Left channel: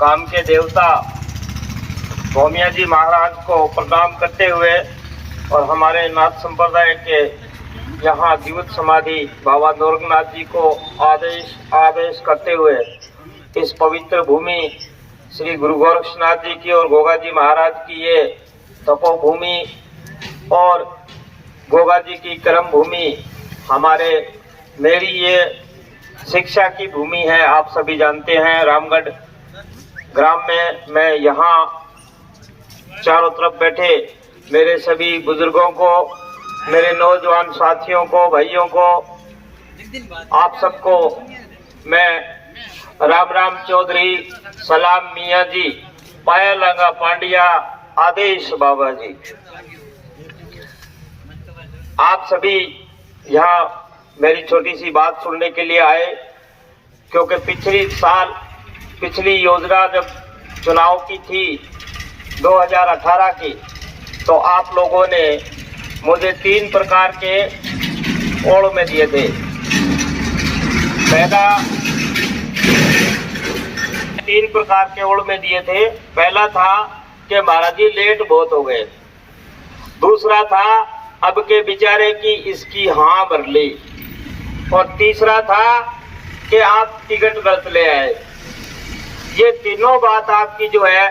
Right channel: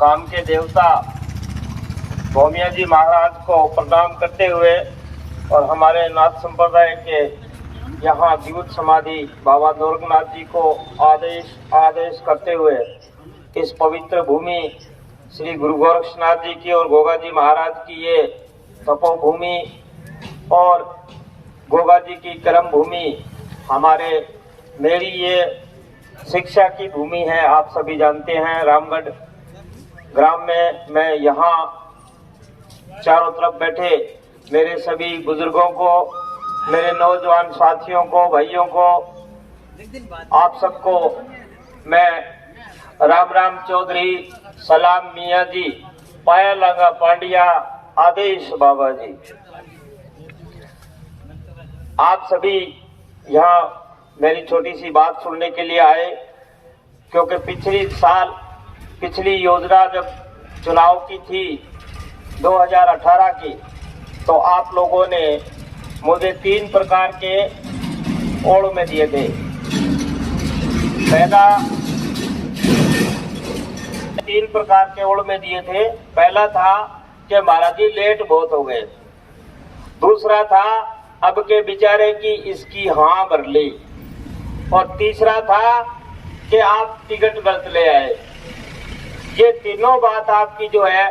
गांव के देवता भौमिया जी महाराज को प्रणाम करते हुए और हमारे नाथ संप्रदाय के यहाँ जीवित समाधि बाबा नौरंगनाथ जी को आदेश करते हुए इस पवित्र भूमि श्री गुरु गोरक्षनाथ जी की और गोगा जी महाराज की ये तपोभूमि और गोगा जी की कर्म भूमि मेरी ये शिक्षा की भूमि है। आप सभी जानते हैं रामगढ़ ग्राम में मैं यहाँ चारों तरफ बैठे मेरे सभी बुजुर्गों को, मेरे नौजवान साथियों को, भाइयों को, आप सबको मैं राम राम चौधरी, सलाम मियाँ जी, पाया लगा पांडिया, आदेश बाबा जी। आप सभी यहाँ मेरी छोटी सी बात सुनने के लिए आए क्योंकि पिछली योजना जब चुनाव की थी 2018 की, तो आप लोगों ने मुझे 3 प्रकार के ओड़ में दिए थे। पहला 3 प्रकार के ओड़ में दिए थे। पहला था कि महाराज जी लेट बहुत हो गए। दूसरा था अब के बेचारे की इसकी हाँ भर ली। और तीसरा था कि आप टिकट गलत ले आए। ये तीनों बात आपकी जो है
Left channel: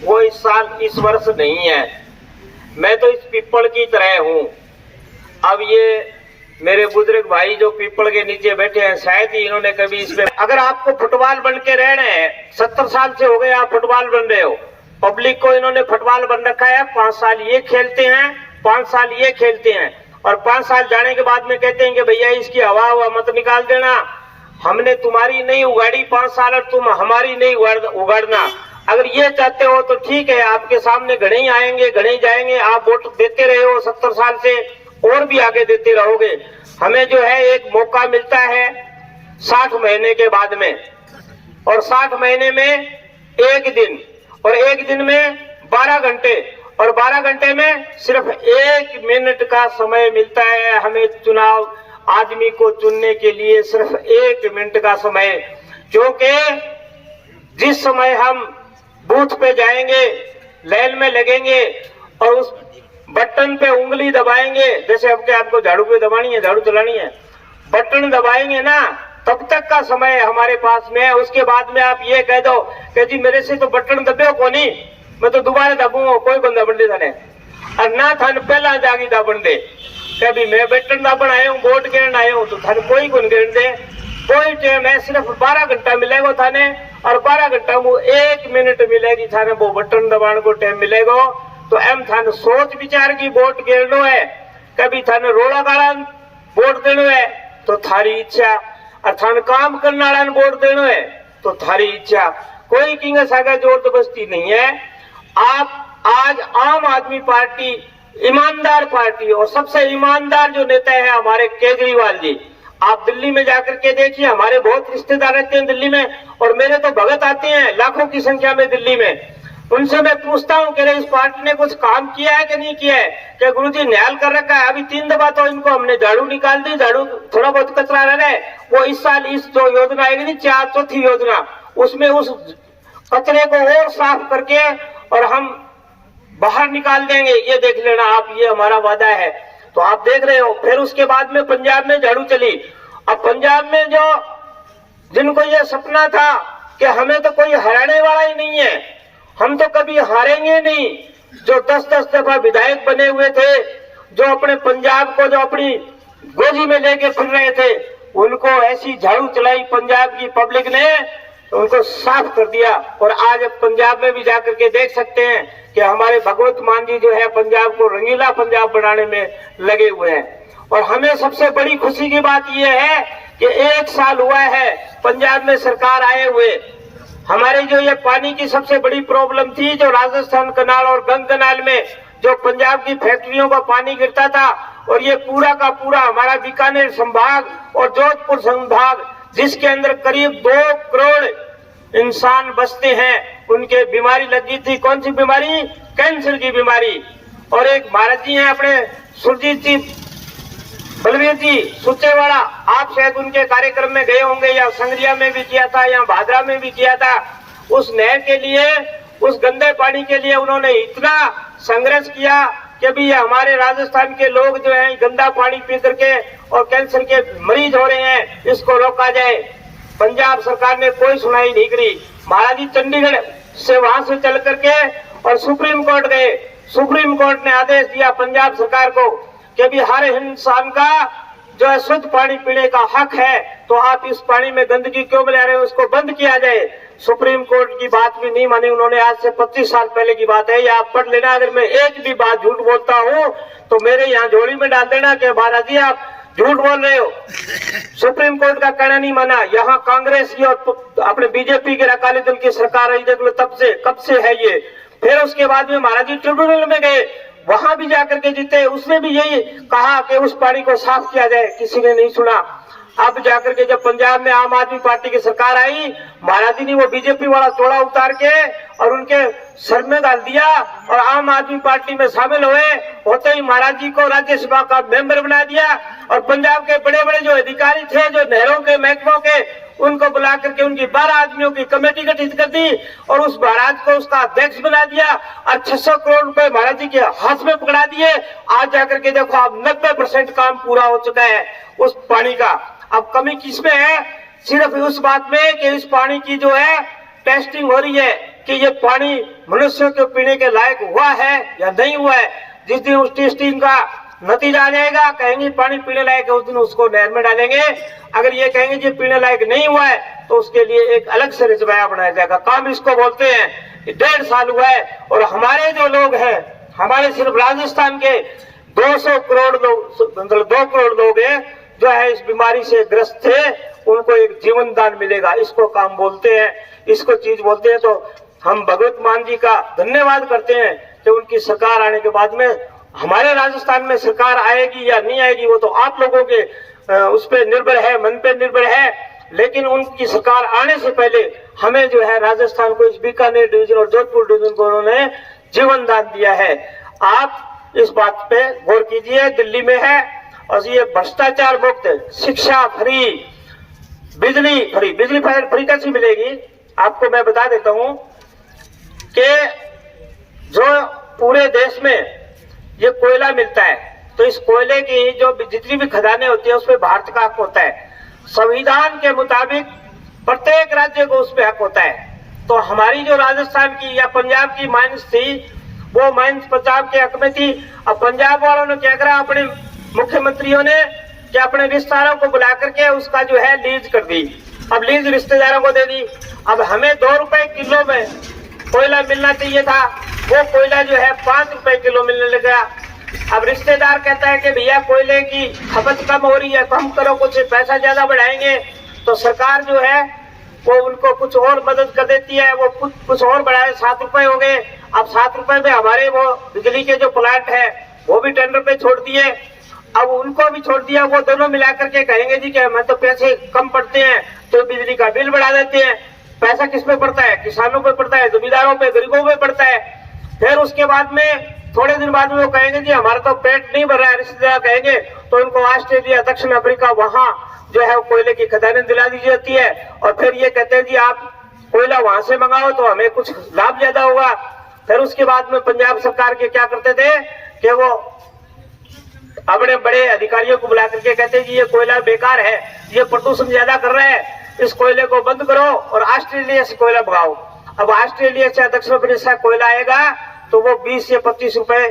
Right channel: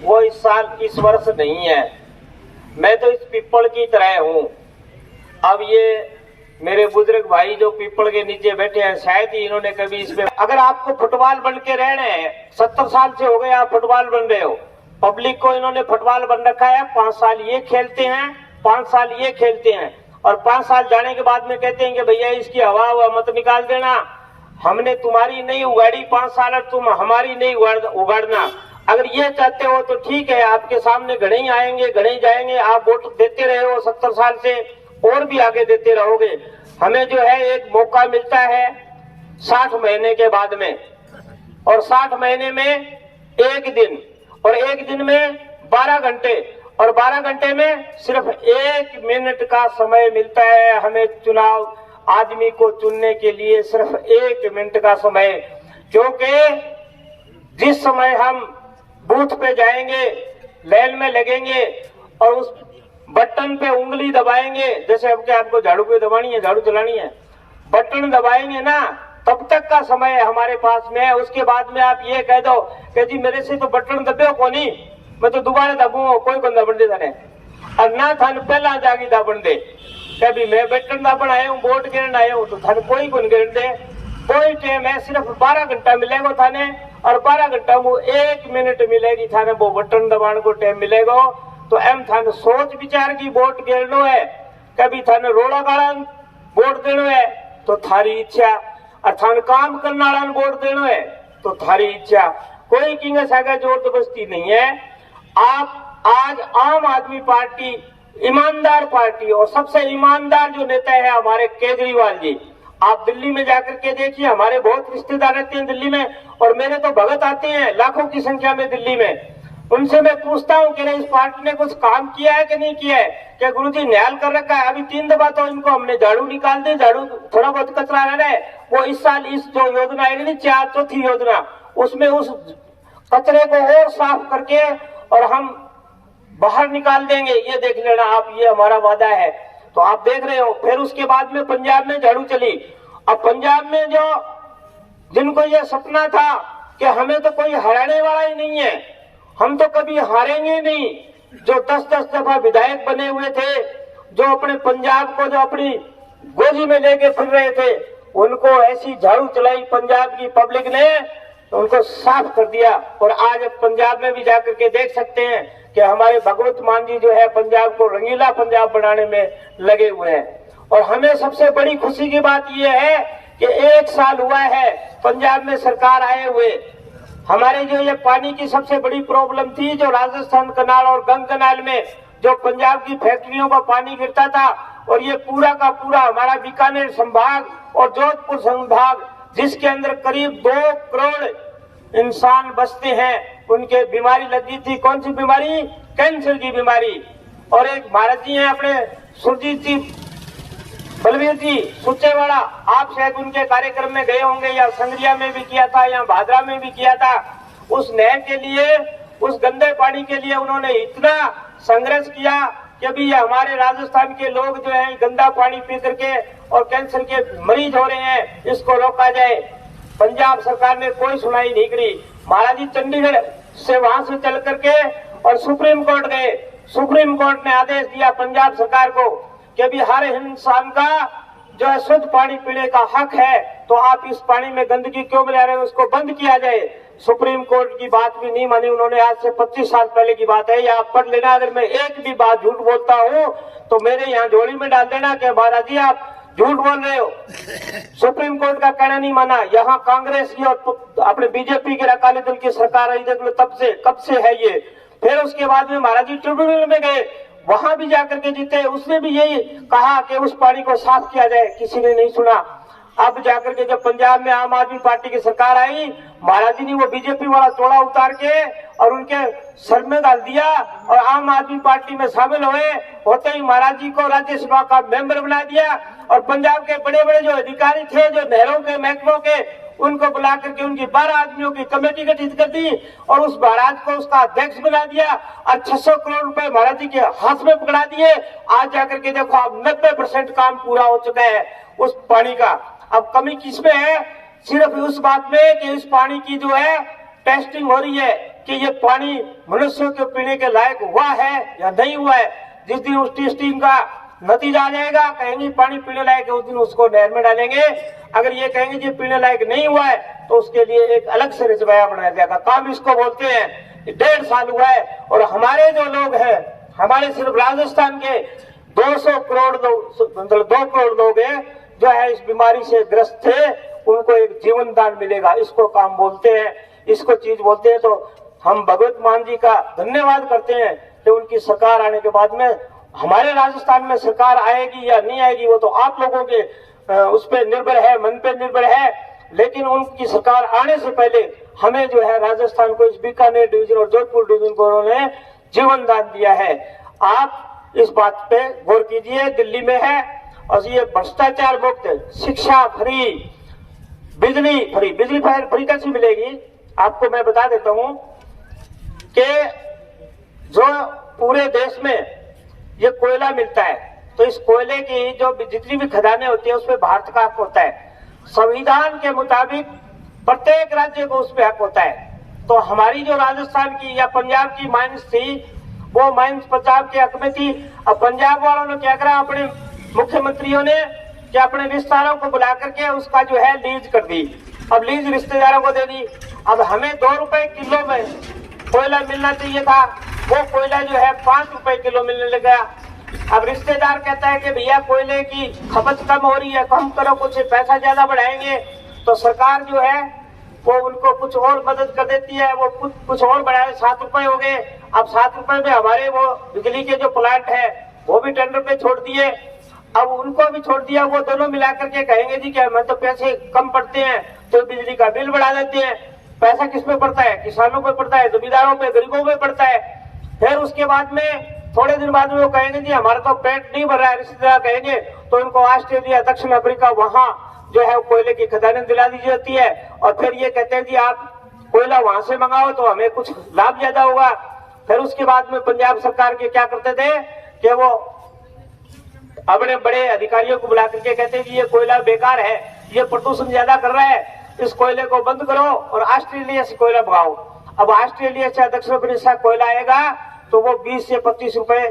वो इस वर्ष नहीं है। मैं तो इस पीपल की तरह हूँ। अब ये मेरे बुजुर्ग भाई जो पीपल के नीचे बैठे हैं, शायद ही इन्होंने कभी इसमें, अगर आपको फुटबॉल बन के रहना है, 70 साल से हो गए आप फुटबॉल बन रहे हो, पब्लिक को इन्होंने फुटबॉल बन रखा है। 5 साल ये खेलते हैं, 5 साल ये खेलते हैं और 5 साल जाने के बाद में कहते हैं कि भैया इसकी हवा मत निकाल देना, हमने तुम्हारी नहीं उगाड़ी 5 साल और तुम हमारी नहीं उगाड़ना। अगर ये चाहते हो तो ठीक है, आपके सामने घणे ही आएंगे, घणे ही जाएंगे। आप वोट देते रहे हो 70 साल से और भी आगे देते रहोगे। हमें जो है एक मौका मिलता है 60 महीने के बाद में, और 60 महीने में एक दिन, और एक दिन में 12 घंटे, और 12 घंटे में सिर्फ 1 मिनट का समय मिलता है हमें चुनाव आदमी को चुनने के लिए। सिर्फ 1 मिनट का समय, क्योंकि जिस समय हम बूथ पे जाएंगे, लाइन में लगेंगे और उस बटन पे उंगली दबाएंगे, जैसे अब क्या आपको झाड़ू पे दबानी है, झाड़ू चलानी है, बटन दबाएंगे ना, तब तक का समय हमारे पास में है। उसके बाद में आप ये कह दो कि जी मेरे से तो बटन दबे को नहीं, मैं तो दोबारा दबूंगा, कोई बंदा बन दे थाने और ना थाने पहला जागी दाबन दे। कभी मैं बटन दाबन आया हूँ, वोट गिरन आया हूँ, तो थाने कोई गुन गिरन दे। कोई टाइम है, सिर्फ 12 घंटा मिलेगा थाने, और 12 घंटा वो 1 मिनट मिलेगी थाने, वो बटन दबाने को टाइम मिलेगा। तो एम थाने सोच विचार की वोट गिरनो है, कभी थाने रोड़ा गाड़ा वोट देनो है तो थारी इच्छा, और थाने काम करने वाला वोट देनो है तो थारी इच्छा। कोई किंग सागा जोर जबरदस्ती नहीं है। आप आज आम आदमी पार्टी ईमानदार पार्टी, और सबसे ईमानदार जो नेता है हमारे केजरीवाल जी। आप दिल्ली में जाकर के देखिए, हमारे बहुत रिश्तेदार रहते हैं दिल्ली में, और मेरे तो भगत आते हैं लाखों की संख्या में दिल्ली में। उनसे मैं पूछता हूँ कि इस पार्टी ने कुछ काम किया है कि नहीं किया है, क्या गुरुजी न्याय कर रखा है। अभी 3 दफा तो इनको हमने झाड़ू निकाल दी, झाड़ू थोड़ा बहुत कचरा रह गए। वो इस साल इस जो योजना आएगी नहीं, 4 योजना, उसमें उस कचरे को और साफ करके और हम बाहर निकाल देंगे, ये देख लेना आप, ये हमारा वादा है। तो आप देख रहे हो। फिर उसके बाद में पंजाब में झाड़ू चली। अब पंजाब में जो जिनको ये सपना था कि हमें तो कोई हराने वाला ही नहीं है, हम तो कभी हारेंगे नहीं, जो 10-10 दफा विधायक बने हुए थे, जो अपने पंजाब को जो अपनी गोदी में लेके फिर रहे थे, उनको ऐसी झाड़ू चलाई पंजाब की पब्लिक ने, तो उनको साफ कर दिया। और आज पंजाब में भी जाकर के देख सकते हैं कि हमारे भगवंत मान जी जो है पंजाब को रंगीला पंजाब बनाने में लगे हुए हैं। और हमें सबसे बड़ी खुशी की बात यह है कि 1 साल हुआ है पंजाब में सरकार आए हुए। हमारी जो ये पानी की सबसे बड़ी प्रॉब्लम थी, जो राजस्थान कनाल और गंग कनाल में जो पंजाब की फैक्ट्रियों का पानी गिरता था, और ये पूरा का पूरा हमारा बीकानेर संभाग और जोधपुर संभाग, जिसके अंदर करीब 2 करोड़ इंसान बसते हैं, उनके बीमारी लगी थी। कौन सी बीमारी? कैंसर की बीमारी। और एक महाराज जी हैं अपने सुरजीत जी, बलवीर जी सुचेवाड़ा, आप शायद उनके कार्यक्रम में गए होंगे, या संगरिया में भी किया था या भादरा में भी किया था। उस नहर के लिए, उस गंदे पानी के लिए उन्होंने इतना संघर्ष किया कि भी ये हमारे राजस्थान के लोग जो है गंदा पानी पी करके और कैंसर के मरीज हो रहे हैं, इसको रोका जाए। पंजाब सरकार ने कोई सुनाई नहीं करी। महाराज जी चंडीगढ़ से वहां से चल करके और सुप्रीम कोर्ट गए। सुप्रीम कोर्ट ने आदेश दिया पंजाब सरकार को कि भी हर इंसान का जो है शुद्ध पानी पीने का हक है, तो आप इस पानी में गंदगी क्यों मिला रहे हो, उसको बंद किया जाए। सुप्रीम कोर्ट की बात भी नहीं मानी उन्होंने। आज से 25 साल पहले की बात है, ये आप पढ़ लेना। अगर मैं एक भी बात झूठ बोलता हूँ तो मेरे यहाँ झोली में डाल देना कि महाराज जी आप झूठ बोल रहे हो। सुप्रीम कोर्ट का कहना नहीं माना। यहाँ कांग्रेस की और अपने बीजेपी के अकाली दल की सरकार है, तब से कब से है ये। फिर उसके बाद में महाराज जी ट्रिब्यूनल में गए, वहां भी जाकर के जीते, उसने भी यही कहा कि उस पानी को साफ किया जाए, किसी ने नहीं सुना। अब जाकर के जब पंजाब में आम आदमी पार्टी की सरकार आई, महाराज जी ने वो बीजेपी वाला चोला उतार के और उनके सर में डाल दिया और आम आदमी पार्टी में शामिल हुए। होते ही महाराज जी को राज्यसभा का मेंबर बना दिया और पंजाब के बड़े बड़े जो अधिकारी थे, जो नहरों के महकमों के, उनको बुला करके उनकी 12 आदमियों की कमेटी गठित कर दी और उस महाराज को उसका अध्यक्ष बना दिया और 600 करोड़ रुपए महाराज जी के हाथ में पकड़ा दिए। आज जाकर के देखो अब 90% काम पूरा हो चुका है उस पानी का। अब कमी किसमें है? सिर्फ उस बात में कि इस पानी की जो है टेस्टिंग हो रही है कि ये पानी मनुष्यों के पीने के लायक हुआ है या नहीं हुआ है। जिस दिन उस टेस्टिंग का नतीजा आ जाएगा, कहेंगे पानी पीने लायक है, उस दिन उसको नहर में डालेंगे। अगर ये कहेंगे जी पीने लायक नहीं हुआ है तो उसके लिए एक अलग से रिजर्वायर बनाया जाएगा। काम इसको बोलते हैं। 1.5 साल हुआ है और हमारे जो लोग हैं, हमारे सिर्फ राजस्थान के 200 करोड़ लोग, मतलब 2 करोड़ लोग हैं जो है इस बीमारी से ग्रस्त थे, उनको एक जीवन दान मिलेगा। इसको काम बोलते हैं, इसको चीज बोलते हैं। तो हम भगवत मान जी का धन्यवाद करते हैं कि उनकी सरकार आने के बाद में हमारे राजस्थान में सरकार आएगी या नहीं आएगी वो तो आप लोगों के उस पर निर्भर है, मन पे निर्भर है। लेकिन उनकी सरकार आने से पहले हमें जो है राजस्थान को, इस बीकानेर डिवीजन और जोधपुर डिवीजन को उन्होंने जीवन दान दिया है। आप इस बात पे गौर कीजिए। दिल्ली में है और ये भ्रष्टाचार मुक्त, शिक्षा फ्री, बिजली फ्री। बिजली फ्री कैसी मिलेगी आपको मैं बता देता हूं कि जो पूरे देश में ये कोयला मिलता है, तो इस कोयले की जो जितनी भी खदानें होती है उसमें भारत का हक होता है। संविधान के मुताबिक प्रत्येक राज्य को उस पर हक होता है। तो हमारी जो राजस्थान की या पंजाब की माइंस थी, वो माइंस पंजाब के हक में थी। अब पंजाब वालों ने क्या करा, अपने मुख्यमंत्रियों ने कि अपने रिश्तेदारों को बुला करके उसका जो है लीज कर दी। अब लीज रिश्तेदारों को दे दी। अब हमें 2 रुपए किलो में कोयला मिलना चाहिए था, वो कोयला जो है 5 रुपए किलो मिलने लगा। अब रिश्तेदार कहता है कि भैया कोयले की खपत कम हो रही है, कम करो, कुछ पैसा ज्यादा बढ़ाएंगे। तो सरकार जो है वो उनको कुछ और मदद कर देती है, वो कुछ और बढ़ाए, 7 रुपए हो गए। अब 7 रुपए में हमारे वो बिजली के जो प्लांट है वो भी टेंडर पे छोड़ दिए। अब उनको भी छोड़ दिया। वो दोनों मिलाकर के कहेंगे जी कि हमें तो पैसे कम पड़ते हैं तो बिजली का बिल बढ़ा देते हैं। पैसा किस पे पड़ता है? किसानों पे पड़ता है, जमींदारों पे, गरीबों पे पड़ता है। फिर उसके बाद में थोड़े दिन बाद में वो कहेंगे जी हमारा तो पेट नहीं भर रहा है, रिश्तेदार कहेंगे, तो उनको ऑस्ट्रेलिया, दक्षिण अफ्रीका, वहां जो है कोयले की खदानें दिला दी जाती है। और फिर ये कहते हैं जी आप कोयला वहां से मंगाओ तो हमें कुछ लाभ ज्यादा होगा। फिर उसके बाद में पंजाब सरकार के क्या करते थे कि वो अपने बड़े अधिकारियों को बुला करके कहते जी ये कोयला बेकार है, ये प्रदूषण ज्यादा कर रहा है, इस कोयले को बंद करो और ऑस्ट्रेलिया से कोयला मंगाओ। अब ऑस्ट्रेलिया से दक्षिण अफ्रीका से कोयला आएगा तो वो 20 से 25 रुपए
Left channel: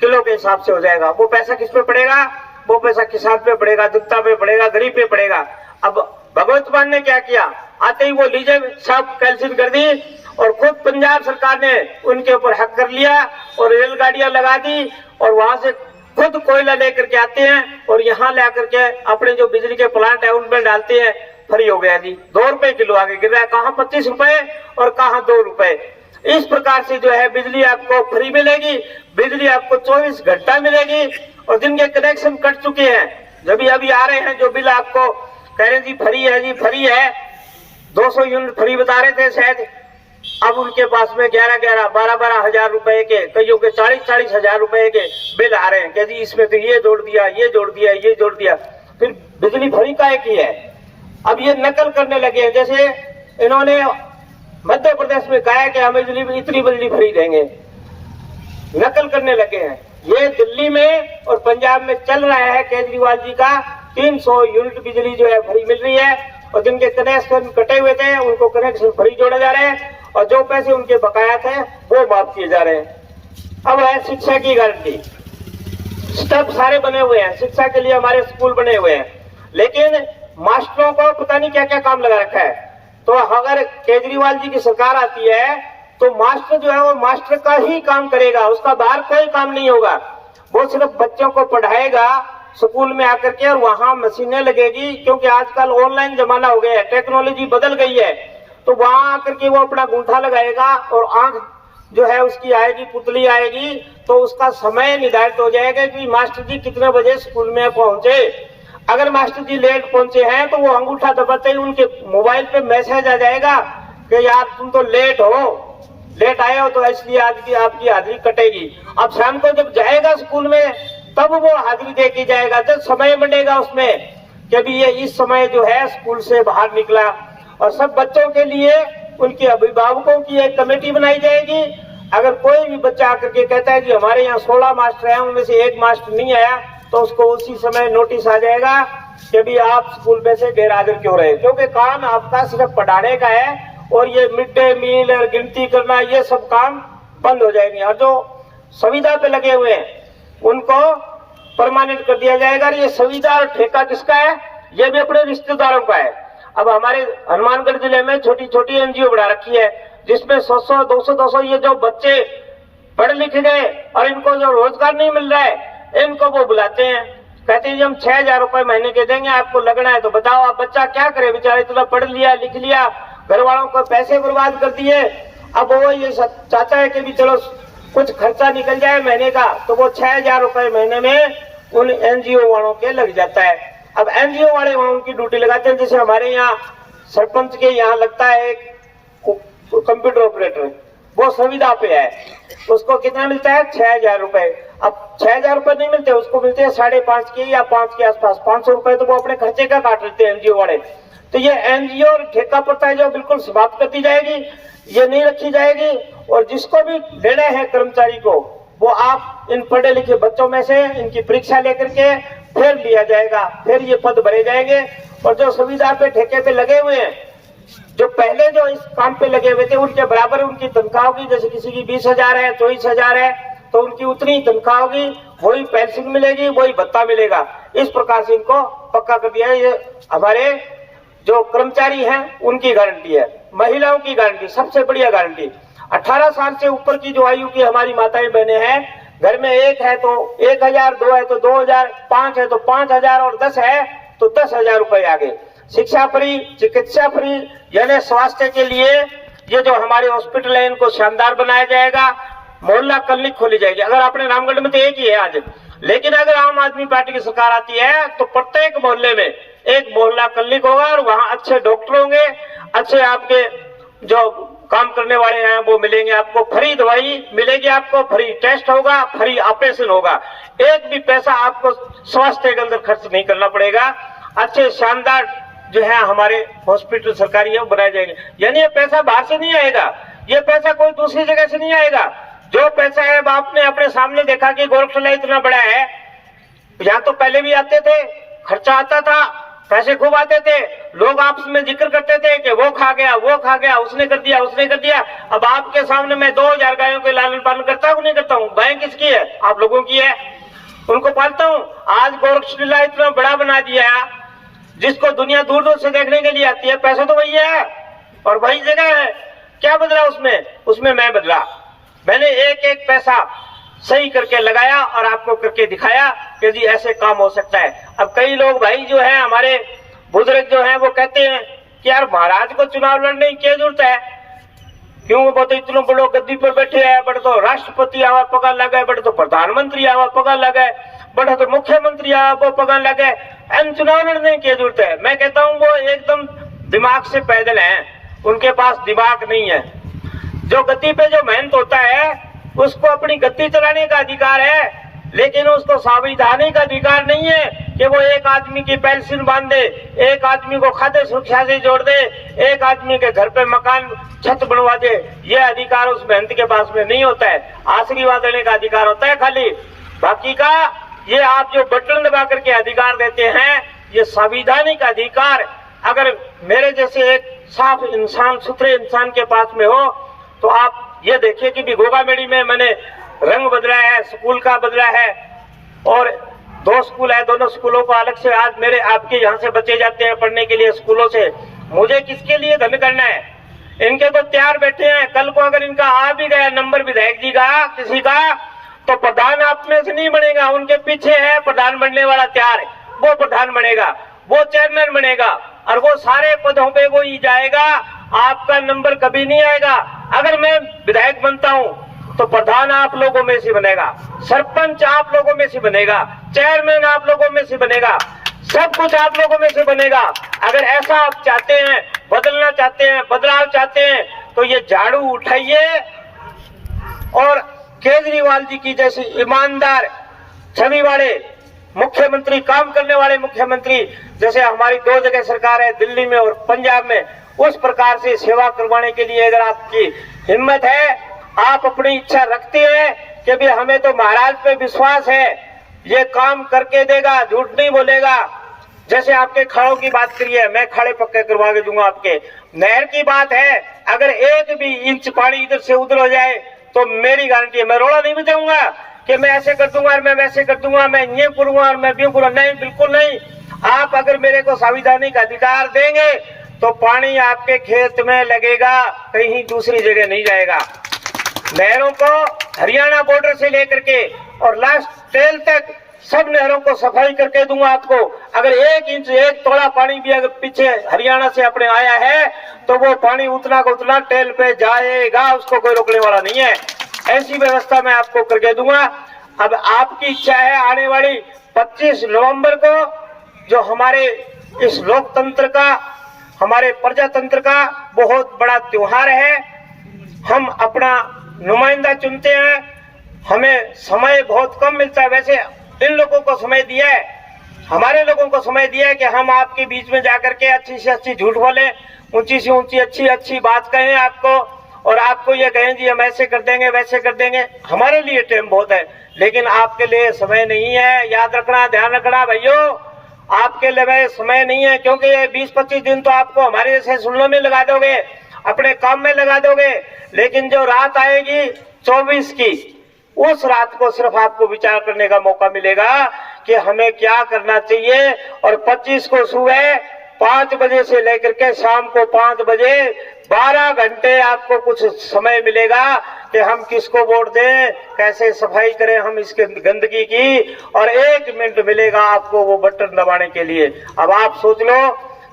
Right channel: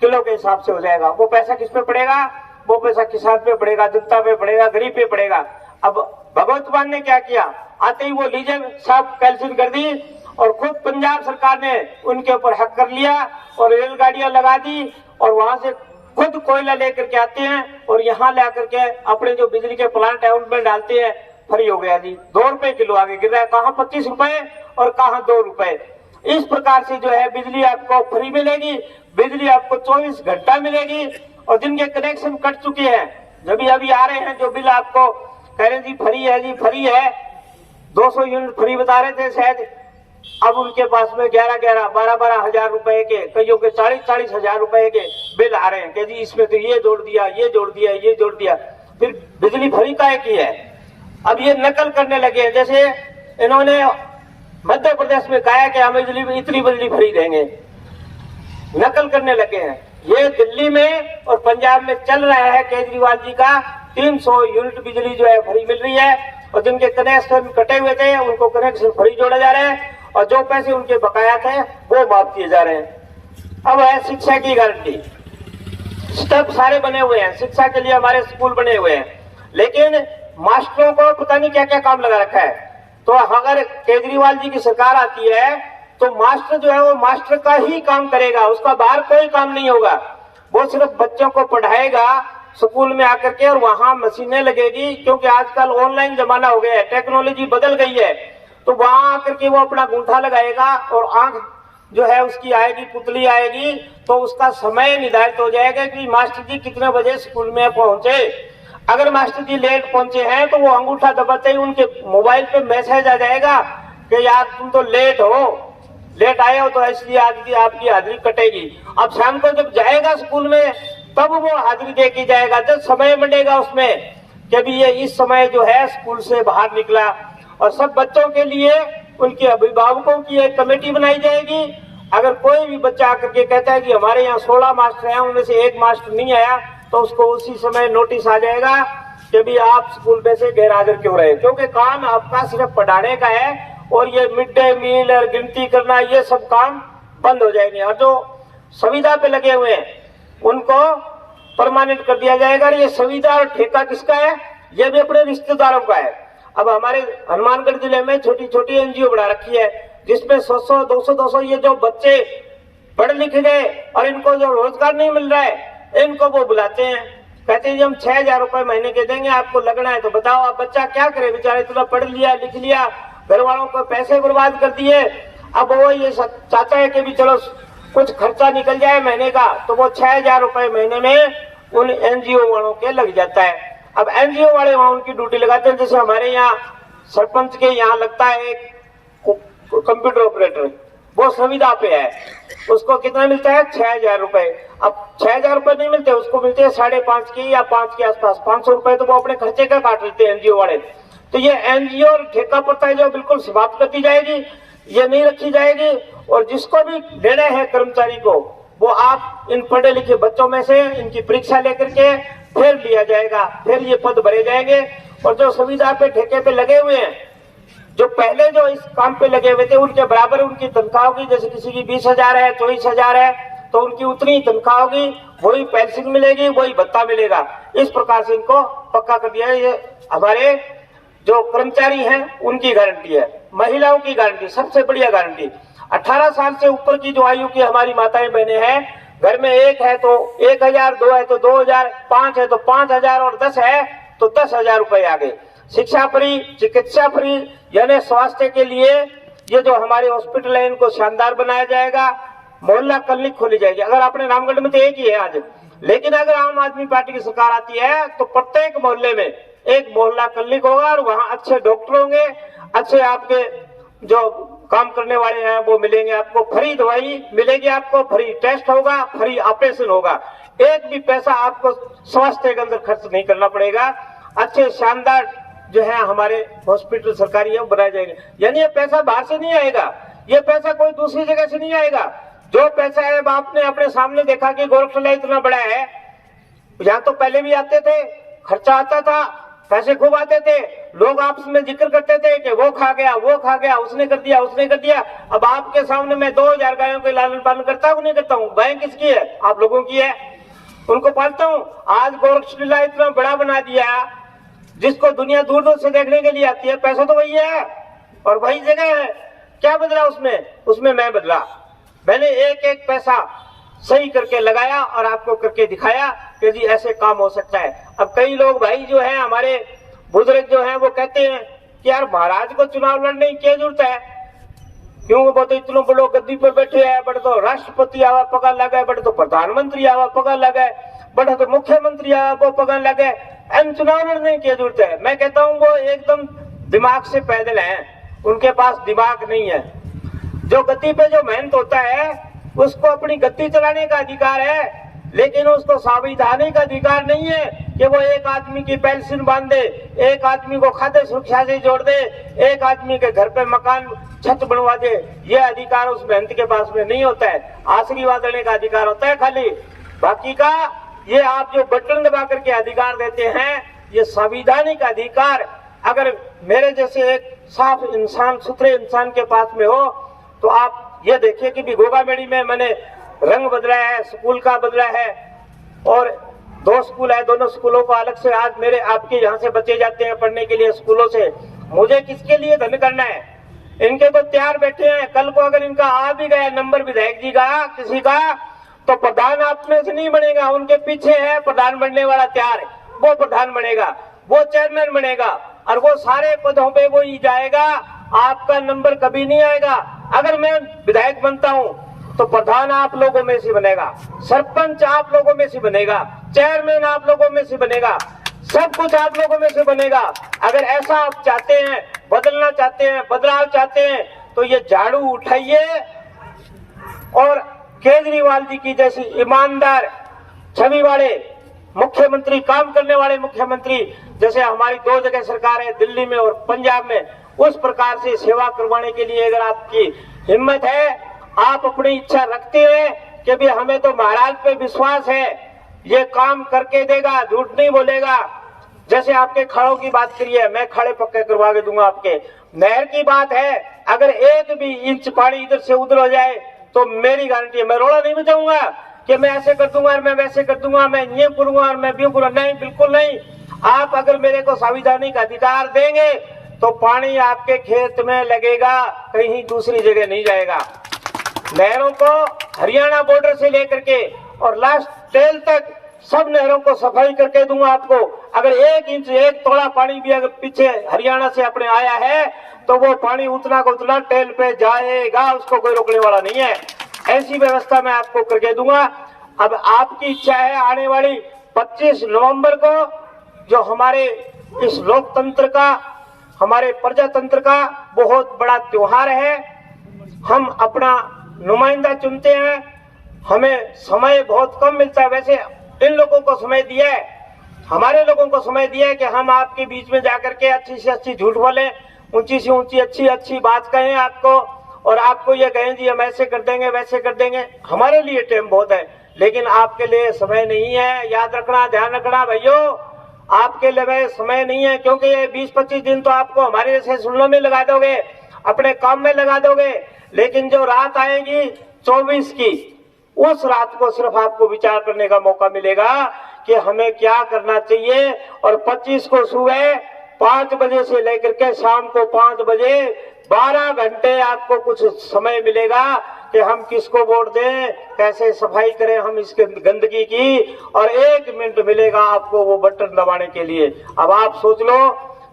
किलो के हिसाब से हो जाएगा। वो पैसा किस पे पड़ेगा? वो पैसा किसान पे पड़ेगा, जनता पे पड़ेगा, गरीब पे पड़ेगा। अब भगवत मान ने क्या किया, आते ही वो लीजे सब कैंसिल कर दी और खुद पंजाब सरकार ने उनके ऊपर हक कर लिया और रेलगाड़ियां लगा दी और वहां से खुद कोयला लेकर के आते हैं और यहाँ ला करके अपने जो बिजली के प्लांट है उनमें डालते हैं। फ्री हो गया जी, 2 रुपए किलो आगे गिर रहा है, कहाँ 25 रुपए और कहाँ 2 रुपए। इस प्रकार से जो है बिजली आपको फ्री मिलेगी, बिजली आपको 24 घंटा मिलेगी। और जिनके कनेक्शन कट चुके हैं, जब भी अभी आ रहे हैं जो बिल आपको कह रहे जी फ्री है, जी फ्री है, 200 यूनिट फ्री बता रहे थे शायद, अब उनके पास में 11-11, 12-12 हजार रुपए के, कईयों के 40-40 हजार रुपए के बिल आ रहे हैं कि जी इसमें तो ये जोड़ दिया, ये जोड़ दिया, ये जोड़ दिया। फिर बिजली फ्री काहे की है? अब ये नकल करने लगे हैं। जैसे इन्होंने मध्य प्रदेश में कहा है कि हम बिजली में इतनी बिजली फ्री देंगे, नकल करने लगे हैं। ये दिल्ली में और पंजाब में चल रहा है केजरीवाल जी का। 300 यूनिट बिजली जो है फ्री मिल रही है, और जिनके कनेक्शन कटे हुए थे उनको कनेक्शन फ्री जोड़ा जा रहा है, और जो पैसे उनके बकाया थे वो माफ किए जा रहे हैं। अब है शिक्षा की गारंटी। स्टेप सारे बने हुए हैं, शिक्षा के लिए हमारे स्कूल बने हुए हैं, लेकिन मास्टरों को पता नहीं क्या क्या काम लगा रखा है। तो अगर केजरीवाल जी की सरकार आती है तो मास्टर जो है वो मास्टर का ही काम करेगा, उसका बाहर कोई काम नहीं होगा। वो सिर्फ बच्चों को पढ़ाएगा स्कूल में आकर के, और वहां मशीनें लगेगी, क्योंकि आजकल ऑनलाइन जमाना हो गया है, टेक्नोलॉजी बदल गई है। तो वहां आकर के वो अपना अंगूठा लगाएगा और आंख जो है उसकी आएगी, पुतली आएगी, तो उसका समय निर्धारित हो जाएगा कि मास्टर जी कितने बजे स्कूल में पहुंचे। अगर मास्टर जी लेट पहुंचे हैं तो वो अंगूठा दबाते ही उनके मोबाइल पे मैसेज आ जाएगा कि यार तुम तो लेट आए हो, तो इसलिए आज की आपकी हाजिरी कटेगी। अब शाम को जब जाएगा स्कूल में तब वो हाजिरी दे के जाएगा, जब समय मिलेगा उसमें कि अभी ये इस समय जो है स्कूल से बाहर निकला। और सब बच्चों के लिए उनके अभिभावकों की एक कमेटी बनाई जाएगी। अगर कोई भी बच्चा आकर के कहता है कि हमारे यहाँ 16 मास्टर हैं, उनमें से एक मास्टर नहीं आया, तो उसको उसी समय नोटिस आ जाएगा कि अभी आप स्कूल में से गैर हाजिर क्यों रहे, क्योंकि काम आपका सिर्फ पढ़ाने का है, और ये मिड डे मील और गिनती करना ये सब काम बंद हो जाएंगे। और जो संविदा पे लगे हुए हैं उनको परमानेंट कर दिया जाएगा। ये संविदा और ठेका किसका है? ये भी अपने रिश्तेदारों का है। अब हमारे हनुमानगढ़ जिले में छोटी छोटी एनजीओ बना रखी है, जिसमें 100-100, 200-200 ये जो बच्चे पढ़ लिख गए और इनको जो रोजगार नहीं मिल रहा है, इनको वो बुलाते हैं, कहते हैं हम 6,000 रुपए महीने के देंगे, आपको लगना है तो बताओ। आप बच्चा क्या करे बेचारा, इतना पढ़ लिया लिख लिया, घर वालों को पैसे बर्बाद कर दिए। अब वो ये चाहता है कि भी चलो कुछ खर्चा निकल जाए महीने का, तो वो 6,000 रुपए महीने में उन एनजीओ वालों के लग जाता है। अब एनजीओ वाले वहां उनकी ड्यूटी लगाते हैं, जैसे हमारे यहाँ सरपंच के यहाँ लगता है एक कंप्यूटर ऑपरेटर, वो संविदा पे है, उसको कितना मिलता है? 6,000 रुपए। अब 6,000 रुपए नहीं मिलते, उसको मिलते हैं 5.5 के या 5 के आसपास, 500 रुपए तो वो अपने खर्चे का काट लेते हैं एनजीओ वाले। तो ये एनजीओ ठेका पड़ता है जो बिल्कुल समाप्त कर दी जाएगी, ये नहीं रखी जाएगी। और जिसको भी लेना है कर्मचारी को, वो आप इन पढ़े लिखे बच्चों में से इनकी परीक्षा लेकर के फिर लिया जाएगा, फिर ये पद भरे जाएंगे। और जो सुविधा पे ठेके पे लगे हुए हैं, जो पहले जो इस काम पे लगे हुए थे, उनके बराबर उनकी तनख्वाह होगी। जैसे किसी की 20,000 है, 24,000 है, तो उनकी उतनी तनख्वाह होगी, वही पेंशन मिलेगी, वही भत्ता मिलेगा। इस प्रकार से इनको पक्का कर दिया है। ये हमारे जो कर्मचारी हैं उनकी गारंटी है। महिलाओं की गारंटी सबसे बढ़िया गारंटी, 18 साल से ऊपर की जो आयु की हमारी माताएं बहने हैं, घर में एक है तो 1,000, 2 है तो 2,000, 5 है तो 5,000 और 10 है तो 10,000 रुपए आ गए। शिक्षा फ्री, चिकित्सा फ्री, यानी स्वास्थ्य के लिए ये जो हमारे हॉस्पिटल है इनको शानदार बनाया जाएगा। मोहल्ला क्लिनिक खोली जाएगी। अगर आपने रामगढ़ में तो एक ही है आज, लेकिन अगर आम आदमी पार्टी की सरकार आती है तो प्रत्येक मोहल्ले में एक मोहल्ला क्लिनिक होगा, और वहाँ अच्छे डॉक्टर होंगे, अच्छे आपके जो काम करने वाले हैं वो मिलेंगे, आपको फ्री दवाई मिलेगी, आपको फ्री टेस्ट होगा, फ्री ऑपरेशन होगा, एक भी पैसा आपको स्वास्थ्य के अंदर खर्च नहीं करना पड़ेगा। अच्छे शानदार जो है हमारे हॉस्पिटल सरकारी है बनाए जाएंगे। यानी ये पैसा बाहर से नहीं आएगा, ये पैसा कोई दूसरी जगह से नहीं आएगा। जो पैसा है आपने अपने सामने देखा कि गोरखशाला इतना बड़ा है, यहाँ तो पहले भी आते थे, खर्चा आता था, पैसे खूब आते थे, लोग आपस में जिक्र करते थे कि वो खा गया, वो खा गया, उसने कर दिया, उसने कर दिया। अब आपके सामने मैं 2,000 गायों के लालन पालन करता हूँ, नहीं करता हूँ? गाय किसकी है? आप लोगों की है, उनको पालता हूँ। आज गोरखशाला इतना बड़ा बना दिया, जिसको दुनिया दूर दूर से देखने के लिए आती है। पैसा तो वही है और वही जगह है, क्या बदला उसमें? उसमें मैं बदला, मैंने एक एक पैसा सही करके लगाया और आपको करके दिखाया कि जी ऐसे काम हो सकता है। अब कई लोग भाई जो है हमारे बुजुर्ग जो है वो कहते हैं कि यार महाराज को चुनाव लड़ने की क्या जरूरत है, क्यों? वो तो इतने बड़ो गद्दी पर बैठे हैं, बड़े तो राष्ट्रपति आवा पगार लगे, बड़े तो प्रधानमंत्री आवा पगार लगे, बड़े तो मुख्यमंत्री आवा पगार लगे, इन चुनाव लड़ने की जरूरत है? मैं कहता हूँ वो एकदम दिमाग से पैदल हैं, उनके पास दिमाग नहीं है। जो गद्दी पे जो मेहनत होता है उसको अपनी गद्दी चलाने का अधिकार है, लेकिन उसको संविधानिक अधिकार नहीं है कि वो एक आदमी की पेंशन बांध दे, एक आदमी को खाद्य सुरक्षा से जोड़ दे, एक आदमी के घर पे मकान छत बनवा दे। ये अधिकार उस मेहनत के पास में नहीं होता है। आशीर्वाद देने का अधिकार होता है खाली। बाकी का ये आप जो बटन दबा करके अधिकार देते हैं, ये संवैधानिक अधिकार अगर मेरे जैसे एक साफ इंसान, सुथरे इंसान के पास में हो, तो आप ये देखिए कि भी गोगामेड़ी में मैंने रंग बदला है, स्कूल का बदला है, और 2 स्कूल है, दोनों स्कूलों को अलग से आज मेरे आपके यहाँ से बच्चे जाते हैं पढ़ने के लिए स्कूलों से। मुझे किसके लिए धन करना है? इनके तो तैयार बैठे हैं। कल को अगर इनका आ भी गया नंबर विधायक जी का किसी का, तो प्रधान आप में से नहीं बनेगा, उनके पीछे है प्रधान बनने वाला तैयार, वो प्रधान बनेगा, वो चेयरमैन बनेगा, और वो सारे पदों पे वो ही जाएगा। आपका नंबर कभी नहीं आएगा। अगर मैं विधायक बनता हूँ तो प्रधान आप लोगों में से बनेगा, सरपंच आप लोगों में से बनेगा, चेयरमैन आप लोगों में से बनेगा, सब कुछ आप लोगों में से बनेगा। अगर ऐसा आप चाहते हैं, बदलना चाहते हैं, बदलाव चाहते हैं, तो ये झाड़ू उठाइए और केजरीवाल जी की जैसी ईमानदार छवि वाले मुख्यमंत्री, काम करने वाले मुख्यमंत्री, जैसे हमारी 2 जगह सरकार है, दिल्ली में और पंजाब में, उस प्रकार से सेवा करवाने के लिए अगर आपकी हिम्मत है, आप अपनी इच्छा रखते हैं कि भी हमें तो महाराज पे विश्वास है, ये काम करके देगा, झूठ नहीं बोलेगा। जैसे आपके खाड़ों की बात करिए, मैं खाड़े पक्के करवा के दूंगा आपके। नहर की बात है, अगर 1 भी इंच पानी इधर से उधर हो जाए तो मेरी गारंटी है, मैं रोड़ा नहीं बचाऊंगा कि मैं ऐसे कर दूंगा और मैं वैसे कर दूंगा, मैं ये करूंगा और मैं भी करूंगा। नहीं, बिल्कुल नहीं। आप अगर मेरे को संवैधानिक अधिकार देंगे तो पानी आपके खेत में लगेगा, कहीं दूसरी जगह नहीं जाएगा। नहरों को हरियाणा बॉर्डर से लेकर के और लास्ट टेल तक सब नहरों को सफाई करके दूंगा आपको। अगर 1 इंच 1 तोड़ा पानी भी अगर पीछे हरियाणा से अपने आया है तो वो पानी उतना का उतना टेल पे जाएगा, उसको कोई रोकने वाला नहीं है। ऐसी व्यवस्था मैं आपको करके दूंगा। अब आपकी इच्छा है, आने वाली 25 नवंबर को जो हमारे इस लोकतंत्र का, हमारे प्रजातंत्र का बहुत बड़ा त्योहार है, हम अपना नुमाइंदा चुनते हैं। हमें समय बहुत कम मिलता है। वैसे इन लोगों को समय दिया है, हमारे लोगों को समय दिया है कि हम आपके बीच में जाकर के अच्छी से अच्छी झूठ बोले, ऊंची से ऊंची अच्छी अच्छी बात कहें आपको, और आपको ये कहें जी हम ऐसे कर देंगे वैसे कर देंगे। हमारे लिए टाइम बहुत है, लेकिन आपके लिए समय नहीं है। याद रखना, ध्यान रखना भाइयों, आपके लिए समय नहीं है, क्योंकि ये 20-25 दिन तो आपको हमारे जैसे सुनने में लगा दोगे, अपने काम में लगा दोगे, लेकिन जो रात आएगी 24 की, उस रात को सिर्फ आपको विचार करने का मौका मिलेगा कि हमें क्या करना चाहिए। और 25 को सुबह 5 बजे से लेकर के शाम को 5 बजे 12 घंटे आपको कुछ समय मिलेगा कि हम किसको वोट दें, कैसे सफाई करें हम इसके गंदगी की, और 1 मिनट मिलेगा आपको वो बटन दबाने के लिए। अब आप सोच लो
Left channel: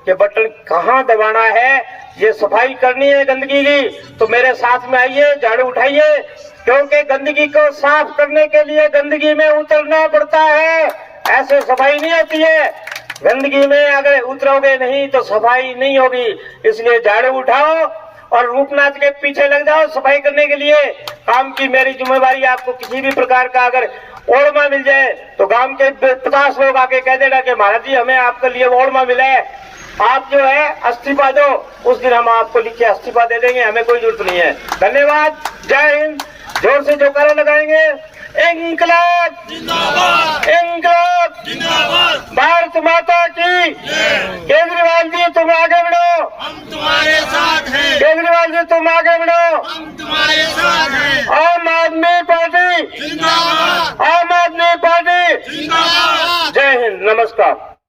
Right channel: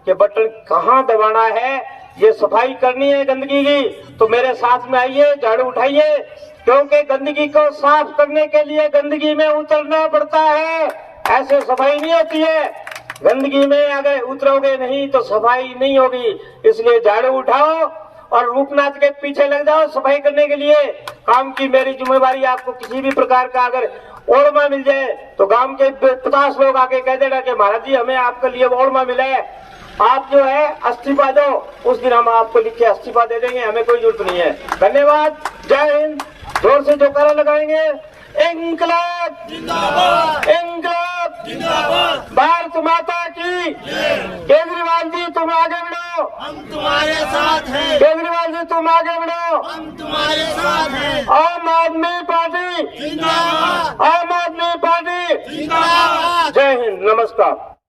कि बटन कहाँ दबाना है। ये सफाई करनी है गंदगी की, तो मेरे साथ में आइए, झाड़ू उठाइए, क्योंकि गंदगी को साफ करने के लिए गंदगी में उतरना पड़ता है। ऐसे सफाई नहीं होती है। गंदगी में अगर उतरोगे नहीं तो सफाई नहीं होगी। इसलिए झाड़ू उठाओ और रूपनाथ के पीछे लग जाओ सफाई करने के लिए। काम की मेरी जिम्मेदारी। आपको किसी भी प्रकार का अगर ओढ़मा मिल जाए तो गांव के 50 लोग आके कह देना कि महाराज जी हमें आपके लिए ओढ़मा मिला है, आप जो है इस्तीफा दो, उस दिन हम आपको लिख के इस्तीफा दे देंगे, हमें कोई जरूरत नहीं है। धन्यवाद। जय हिंद। जोर से जो नारा लगाएंगे, इंकलाब जिंदाबाद, इंकलाब जिंदाबाद, भारत माता की। केजरीवाल जी तुम आगे बढ़ो, हम तुम्हारे साथ हैं। केजरीवाल जी तुम आगे बढ़ो, हम तुम्हारे साथ हैं। आम आदमी पार्टी जिंदाबाद, आम आदमी पार्टी जिंदाबाद। जय हिंद। नमस्कार।